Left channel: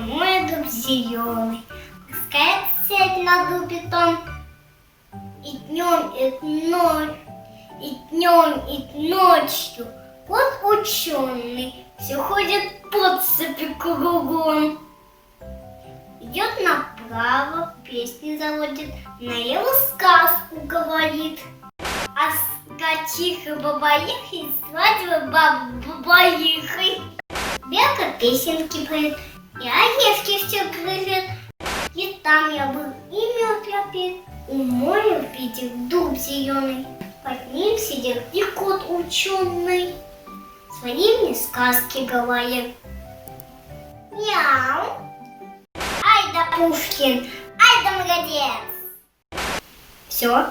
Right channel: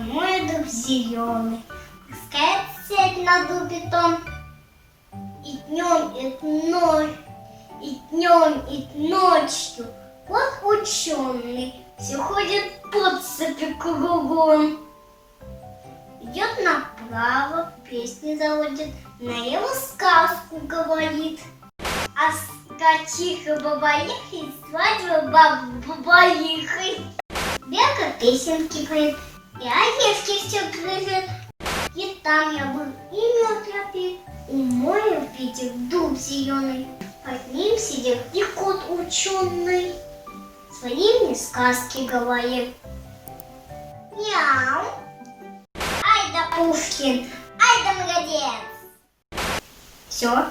мой дуб зеленый, пускает сеть на дубе том. И днем, и ночью кот ученый все ходит под цепи кругом. Идет направо, песни заводит, налево сказку говорит. А скачиха бабаихой свадьба бабаихой. Белка песенки поет, и орешки все грызет. И там я был, и мед я пил. У моря видел дуб зеленый, под ним сидел и кот ученый. Свои мне сказки говорил. Мяу. Ай да Пушкин, ай да молодец. Все.